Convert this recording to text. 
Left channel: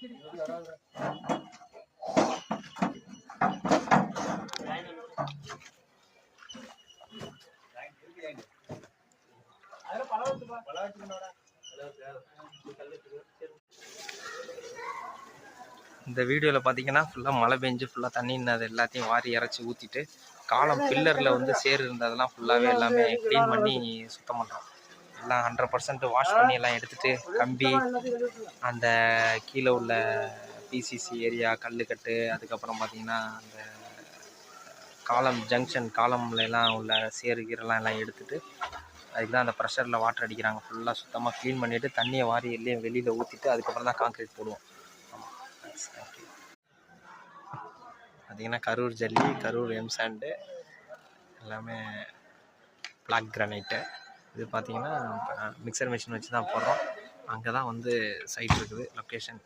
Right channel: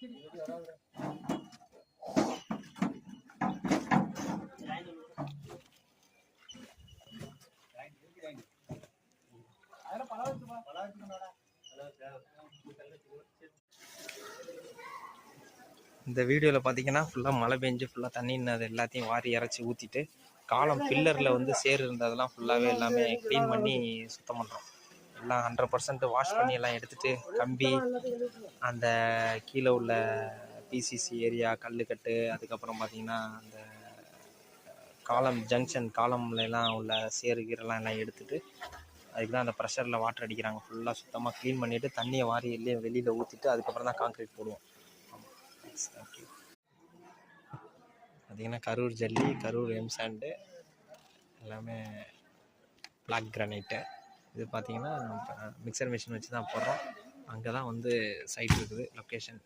இந்த வீடியோவில் பார்த்தீங்கன்னா ஃபுல்லாக மழை பெஞ்சு ஃபுல்லாக தண்ணி இருந்தது எல்லாத்தையும் வாரி இறச்சி ஊற்றிட்டு காலம் பில்லரில் வந்து சேர் இருந்ததெல்லாம் ஃபுல்லாகவே எல்லாமே க்ளீன் பண்ணி சுத்தம் பண்ணுறோம். எல்லாம் 100% வாஷ் பண்ணி எல்லாம் எடுத்துகிட்டு கம்பி அந்த கீழே உள்ள பிசிசி ஏரியா கல்லுக்கட்டு அதுக்கப்புறம் பார்த்திங்கன்னா அந்த காலம் ஜங்ஷன் காலம்லாம் உள்ள சேரு கீரெல்லாம் எல்லாம் எடுத்துகிட்டு அதுக்கு தான் அந்த ப்ரெஷரில் வாட்டர் அடிக்கிறாங்க. ஃபுல்லாக சுத்தமாக க்ளீன் பண்ணிவிட்டு தண்ணியை வாரி எல்லையும் வெளியில் ஊற்றிட்டு அதுக்கப்புறம் தான் கான்க்ரீட் போடுவோம். பார்த்திங்கன்னா கரூர் ஜல்லி, கரூர் எம்சாண்டு, எல்லாமே பிளாக் கிரானைட்டு. இது பார்த்திங்கன்னா மிக்சர் மிஷின் வச்சு தான் போடுறோம். அங்கே தான் வந்து சைட் இருக்குது லொக்கேஷன்.